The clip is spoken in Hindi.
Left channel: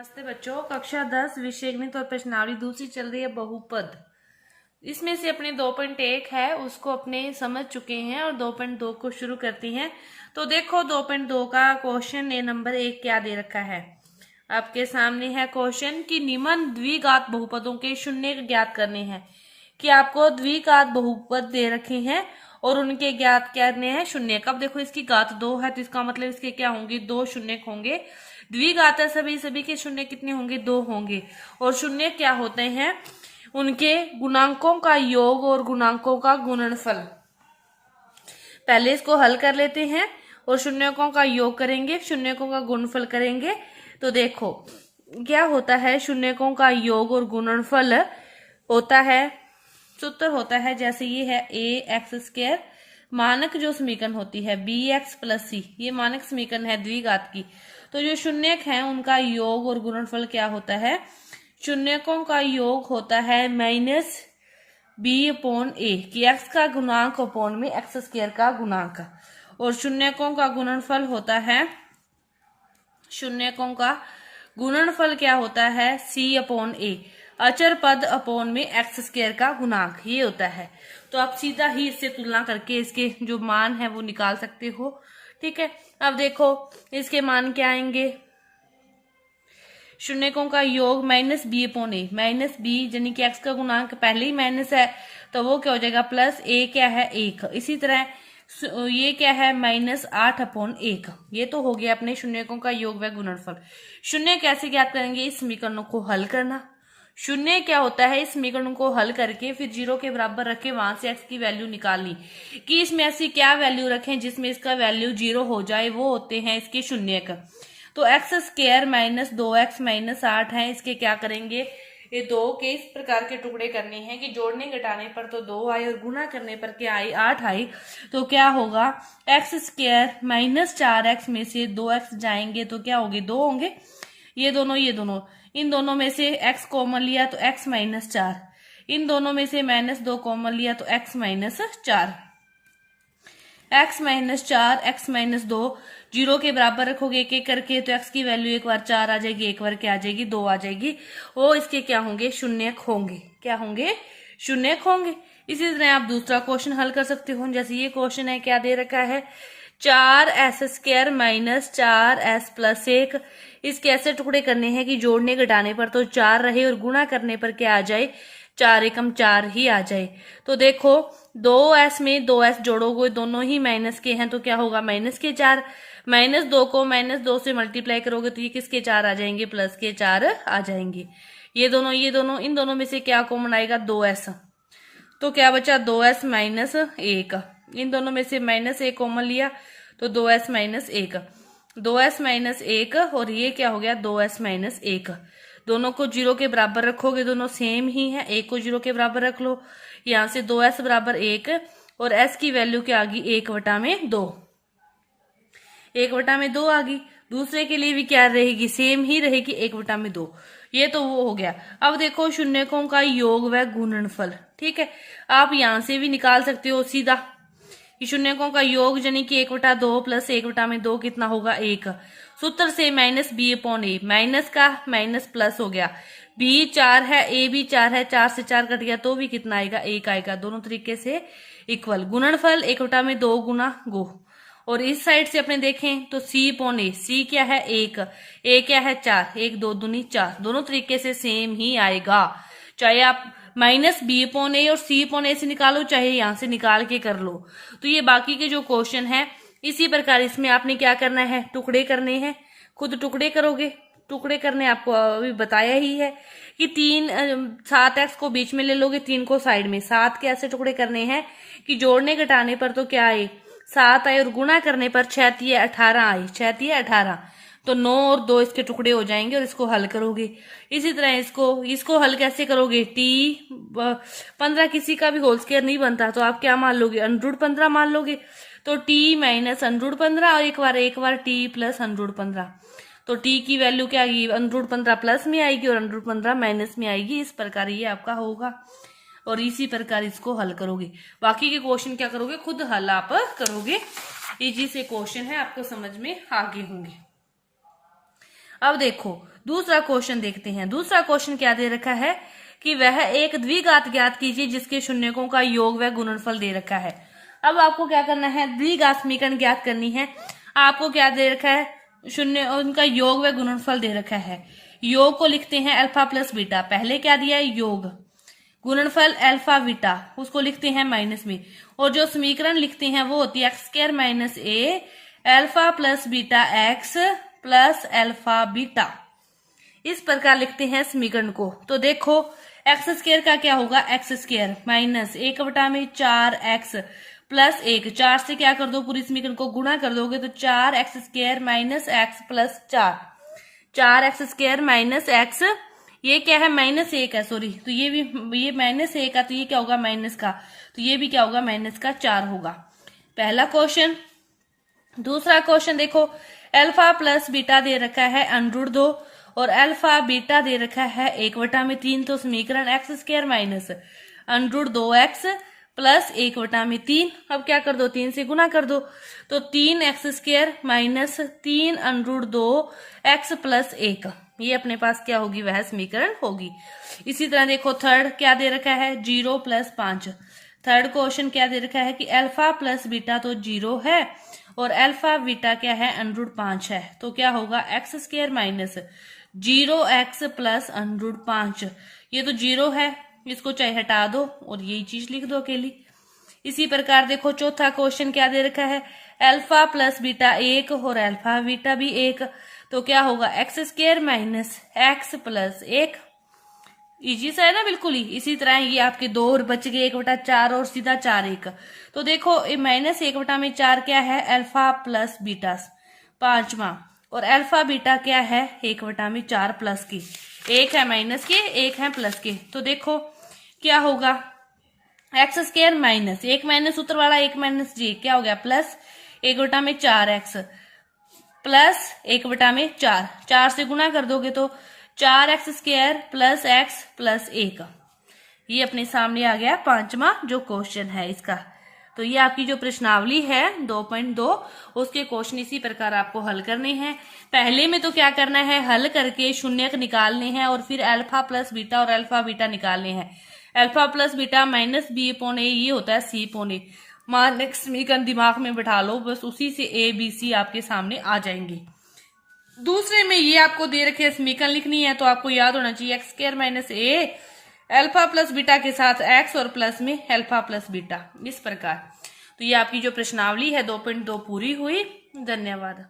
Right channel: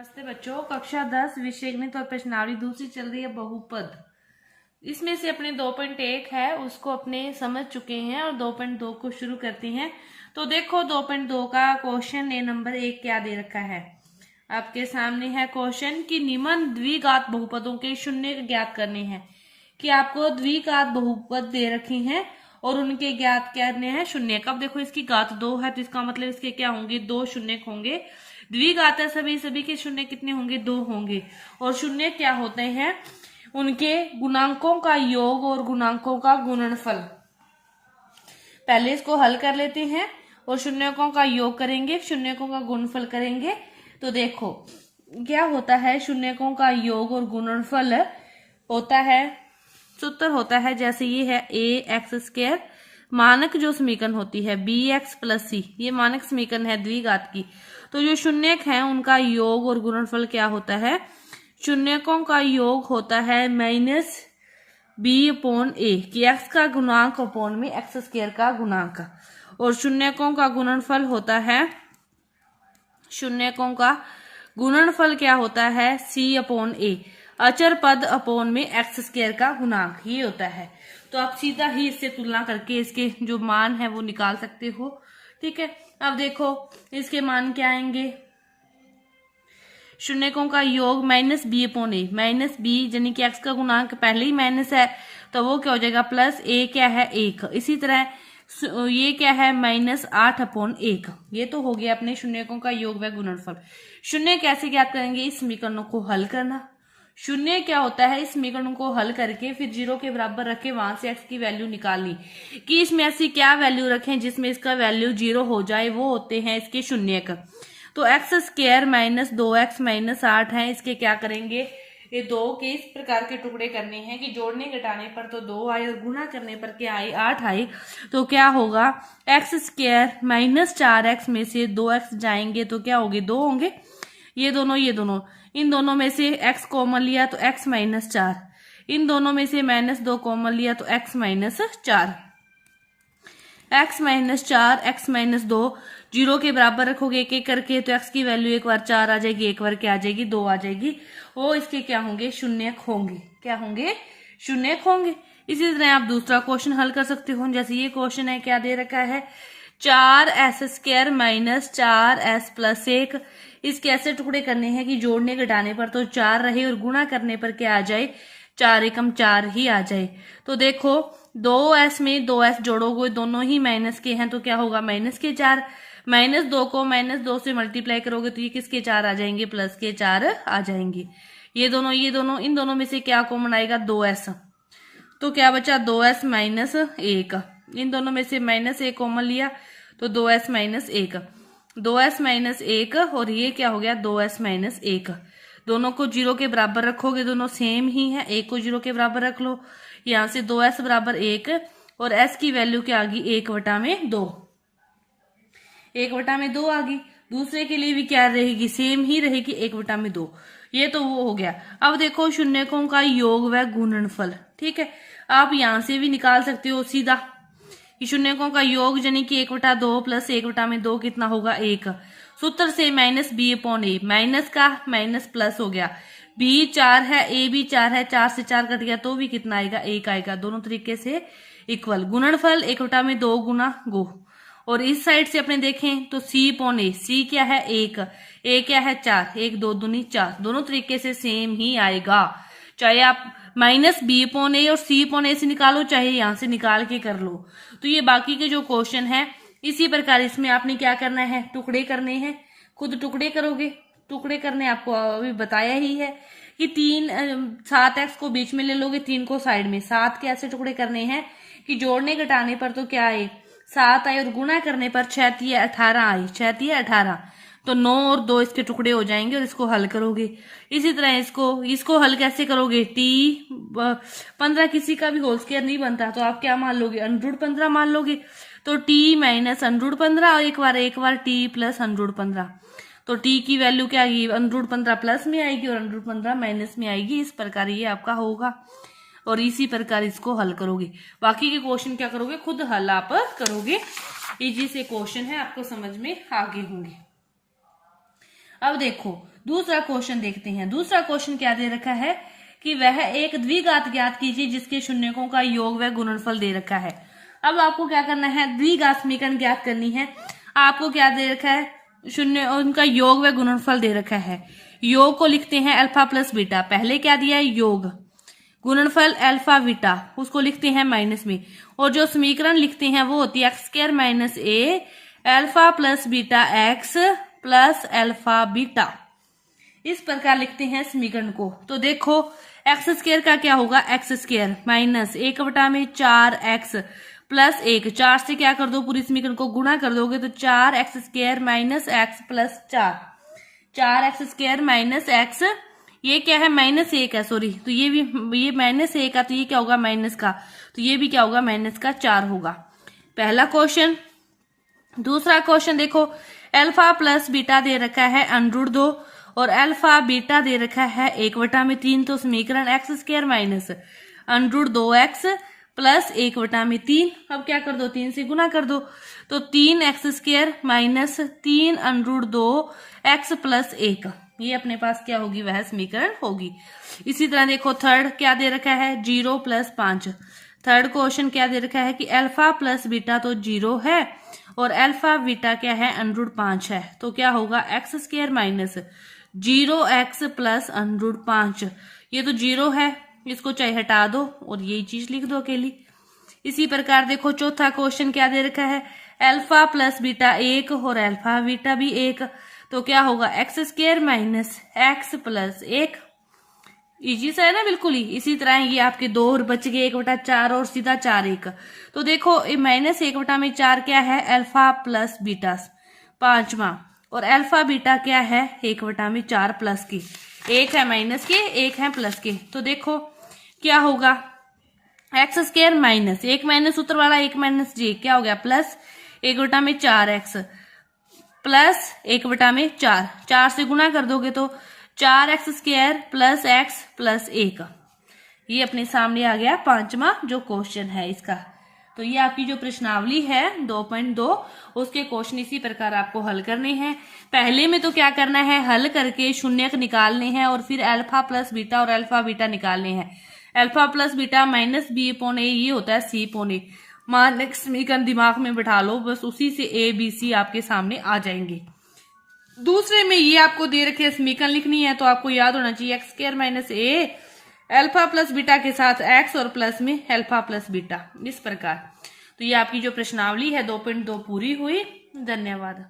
नमस्ते बच्चों, कक्षा 10 विषय गणित और प्रश्नावली दूसरी चल रही है बहुपद। इसमें से अपने 2.1 है उसको अपने समझ चुके हैं और 2.2 को शुरू करते हैं। तो देखो 2.2 का क्वेश्चन नंबर 1 क्या दे रखा है आपके सामने है क्वेश्चन कि निम्न द्विघात बहुपदों के शून्य ज्ञात करने हैं। कि आपको द्विघात बहुपद दे रखे हैं और उनके ज्ञात करने हैं शून्य। कब देखो इसकी घात 2 है तो इसका मतलब इसके क्या होंगे, 2 शून्य होंगे। द्विघात है सभी के शून्य कितने होंगे, 2 होंगे। और शून्य क्या होते हैं, उनके गुणांकों का योग और गुणांकों का गुणनफल। पहले इसको हल कर लेते हैं और शून्यकों का योग करेंगे, शून्यकों का गुणनफल करेंगे। तो देखो क्या होता है, शून्यकों का योग और गुणनफल होता है, सूत्र होता है जैसे ये है ax²। मानक जो समीकरण होती है bx + c, ये मानक समीकरण है द्विघात की। तो जो शून्यक है उनका योग और गुणनफल क्या होता है, शून्यकों का योग होता है -b/a कि x का गुणांक अपॉन में x² का गुणांक। और शून्यकों का गुणनफल होता है, शून्यकों का गुणनफल क्या होता है c/a अचर पद अपॉन में x² का गुणांक, ये होता है। तो आप सीधा ही इससे तुलना करके इसके जो मान है वो निकाल सकते हो। ठीक है, अब देखो इसके मान क्या आएंगे। शून्यकों का योग -b/a, -b यानी कि x का गुणांक पहले ही माइनस है तो वो क्या हो जाएगा प्लस a क्या है 1। इसी तरह ये क्या है -8/1। ये तो हो गया अपने शून्यकों का योग व गुणनफल। शून्य कैसे ज्ञात करेंगे, इस समीकरणों को हल करना। शून्य क्या होता है, इस समीकरण को हल करके फिर 0 के बराबर रखे, वहां से x की वैल्यू निकालनी कि इसमें ऐसी क्या वैल्यू रखें जिसमें इसका वैल्यू 0 हो जाए, वो होते हैं इसके शून्यक। तो x² - 2x - 8 है, इसके क्या करेंगे, ये 2 के इस प्रकार के टुकड़े करने हैं कि जोड़ने घटाने पर तो 2 आए और गुणा करने पर क्या आए, 8 आए। तो क्या होगा, x² - 4x में से 2x जाएंगे तो क्या होंगे, 2 होंगे। ये दोनों इन दोनों में से x कॉमन लिया तो x - 4, इन दोनों में से -2 कॉमन लिया तो x - 4, x - 4 x - 2 0 के बराबर रखोगे एक एक करके तो x की वैल्यू एक बार 4 आ जाएगी, एक बार क्या आ जाएगी, 2 आ जाएगी। वो इसके क्या होंगे, शून्यक होंगे। क्या होंगे, शून्यक होंगे। इसी तरह आप दूसरा क्वेश्चन हल कर सकते हो। जैसे ये क्वेश्चन है, क्या दे रखा है, 4s² - 4s + 1। इसके ऐसे टुकड़े करने हैं कि जोड़ने घटाने पर तो 4 रहे और गुणा करने पर क्या आ जाए, 4 एकम 4 ही आ जाए। तो देखो 2s में 2s जोड़ोगे, दोनों ही माइनस के हैं तो क्या होगा, -4। -2 को -2 से मल्टीप्लाई करोगे तो ये किसके 4 आ जाएंगे, +4 आ जाएंगे। ये दोनों इन दोनों में से क्या कॉमन आएगा, 2s। तो क्या बचा, 2s - 1। इन दोनों में से -1 कॉमन लिया तो 2s - 1, 2s - 1 और ये क्या हो गया, 2s - 1। दोनों को 0 के बराबर रखोगे, दोनों सेम ही है, 1 को 0 के बराबर रख लो। यहाँ से 2s = 1 और s की वैल्यू क्या आ गई, 1/2, 1/2 आ गई। दूसरे के लिए भी क्या रहेगी, सेम ही रहेगी, 1/2। ये तो वो हो गया। अब देखो शून्यकों का योग व गुणनफल। ठीक है, आप यहां से भी निकाल सकते हो सीधा कि शून्यकों का योग यानी कि 1/2 + 1/2 कितना होगा, 1। सूत्र से -b/a, माइनस का माइनस प्लस हो गया। b 4 है, a भी 4 है, 4 से 4 कट गया तो भी कितना आएगा, 1 आएगा। दोनों तरीके से इक्वल। गुणनफल 1/2 गुना गो। और इस साइड से अपने देखें तो c/a, c क्या है, 1, a क्या है, 4, 1 2 दूनी 4। दोनों तरीके से सेम ही आएगा, चाहे आप -b/a और c/a से निकालो, चाहे यहां से निकाल के कर लो। तो ये बाकी के जो क्वेश्चन है इसी प्रकार इसमें आपने क्या करना है, टुकड़े करने हैं। खुद टुकड़े करोगे, टुकड़े करने आपको अभी बताया ही है कि 7x को बीच में ले लोगे, 3 को साइड में। 7 के ऐसे टुकड़े करने हैं कि जोड़ने घटाने पर तो क्या आए, 7 आए और गुणा करने पर 6 × 18 आए, 6 × 18 तो 9 और 2 इसके टुकड़े हो जाएंगे और इसको हल करोगे। इसी तरह इसको हल कैसे करोगे, t15 किसी का भी होल स्क्वायर नहीं बनता तो आप क्या मान लोगे, √15 मान लोगे। तो t - √15 और एक बार t + √15। तो t की वैल्यू क्या आएगी, √15 प्लस में आएगी और √15 माइनस में आएगी। इस प्रकार ये आपका होगा और इसी प्रकार इसको हल करोगे। बाकी के क्वेश्चन क्या करोगे, खुद हल आप करोगे। इजी से क्वेश्चन है, आपको समझ में आगे होंगे। अब देखो दूसरा क्वेश्चन देखते हैं। दूसरा क्वेश्चन क्या दे रखा है कि वह एक द्विघात ज्ञात कीजिए जिसके शून्यकों का योग व गुणनफल दे रखा है। अब आपको क्या करना है, द्विघात समीकरण ज्ञात करनी है। आपको क्या दे रखा है, शून्य, उनका योग व गुणनफल दे रखा है। योग को लिखते हैं अल्फा प्लस बीटा, पहले क्या दिया है योग, गुणनफल अल्फा बीटा, उसको लिखते हैं माइनस में, और जो समीकरण लिखते हैं वो होती है x square minus a alpha plus beta x plus alpha beta. इस प्रकार लिखते हैं समीकरण को। तो देखो एक्स स्क्वायर का क्या होगा, x square minus 1/4 x plus 1, 4 से क्या कर दो, पूरी समीकरण को गुणा कर दोगे तो 4x square minus x plus 4x square minus x, ये क्या है माइनस 1 है, सॉरी, तो ये भी ये माइनस 1 का, तो ये क्या होगा माइनस का, तो ये भी क्या होगा माइनस का 4 होगा। पहला क्वेश्चन। दूसरा क्वेश्चन देखो, अल्फा प्लस बीटा दे रखा है √2 और अल्फा बीटा दे रखा है 1/3, तो समीकरण x square minus √2x plus 1/3, अब क्या कर दो 3 से गुना कर दो, तो 3x square minus 3 √2x plus 1, ये अपने पास क्या होगी, वह समीकरण होगी। इसी तरह देखो थर्ड क्या दे रखा है 0 + 5। थर्ड क्वेश्चन क्या दे रखा है कि अल्फा प्लस बीटा तो 0 है और अल्फा बीटा क्या है √5 है, तो क्या होगा x square minus 0x plus √5, ये तो 0 है, इसको चाहे हटा दो और यही चीज लिख दो अकेली। इसी प्रकार देखो चौथा क्वेश्चन क्या दे रखा है, अल्फा प्लस बीटा 1 और अल्फा बीटा भी 1, तो क्या होगा x square minus x plus 1, easy सा है ना बिल्कुल ही। इसी तरह ये आपके 2 और बच गए 1/4 और सीधा 4/1, तो देखो माइनस 1/4 क्या है अल्फा प्लस बीटा 5वां, और अल्फा बीटा क्या है 1/4 प्लस की, 1 है माइनस के 1 है प्लस के, तो देखो क्या होगा एक्स स्क्वायर माइनस 1 माइनस सूत्र वाला 1 माइनस जी, क्या हो गया प्लस 1/4x प्लस 1/4, 4 से गुना कर दोगे तो 4x square plus x plus 1, ये अपने सामने आ गया 5वां जो क्वेश्चन है इसका। तो ये आपकी जो प्रश्नावली है 2.2, उसके क्वेश्चन इसी प्रकार आपको हल करने हैं। पहले में तो क्या करना है, हल करके शून्यक निकालने हैं और फिर अल्फा प्लस बीटा और अल्फा बीटा निकालने हैं। Alpha plus beta minus b/a, ये होता है c/a। मान समीकरण दिमाग में बिठा लो, बस उसी से a b c आपके सामने आ जाएंगे। दूसरे में ये आपको दे रखे समीकरण लिखनी है, तो आपको याद होना चाहिए x square minus a alpha plus beta के साथ x और प्लस में अल्फा प्लस बीटा, इस प्रकार। तो ये आपकी जो प्रश्नावली है 2.2 पूरी हुई। धन्यवाद।